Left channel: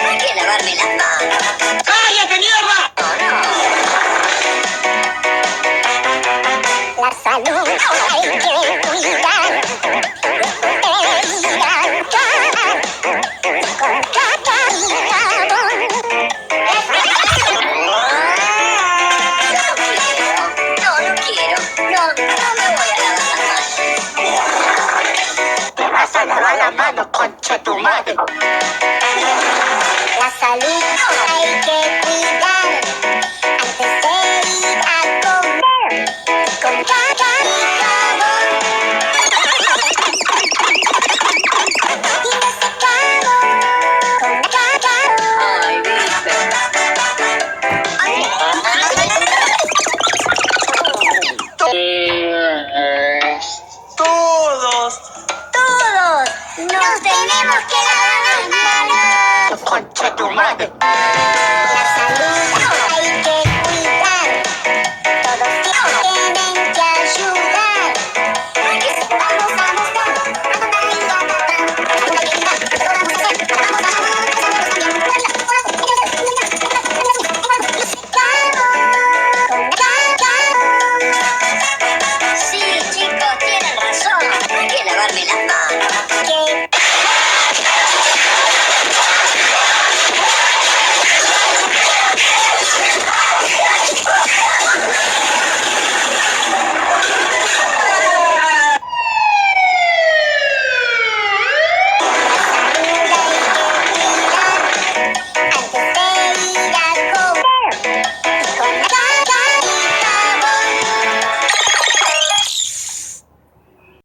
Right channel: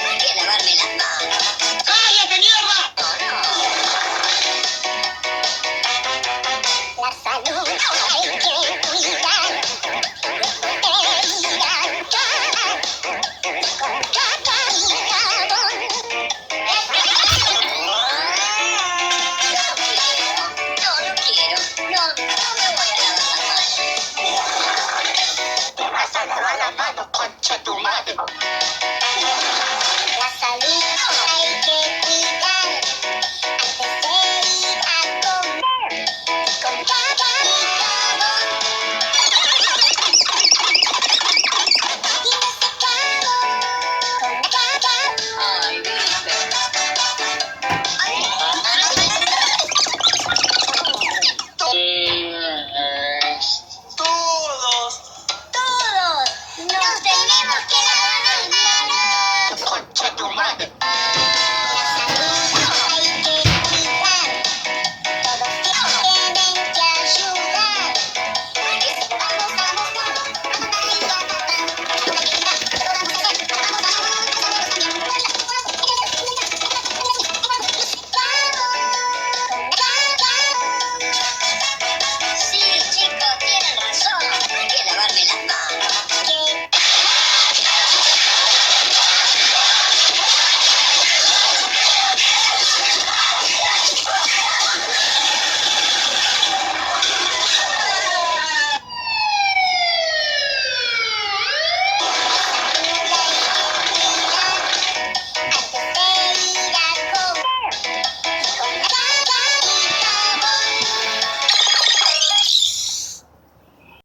Hay que lavarme las manos. ¡Cállate, mierda! La salud hay que cuidar. Con caca y jabón. No quiero. No me voy a lavar las manos. Te vas a lavar la mano, concha tu madre. La salud hay que cuidar antes de ir a comer. Con caca y jabón. Y me secado con caca. Ay, viste. Todos. Todos nos tenemos que lavar las manos. Concha tu madre. La salud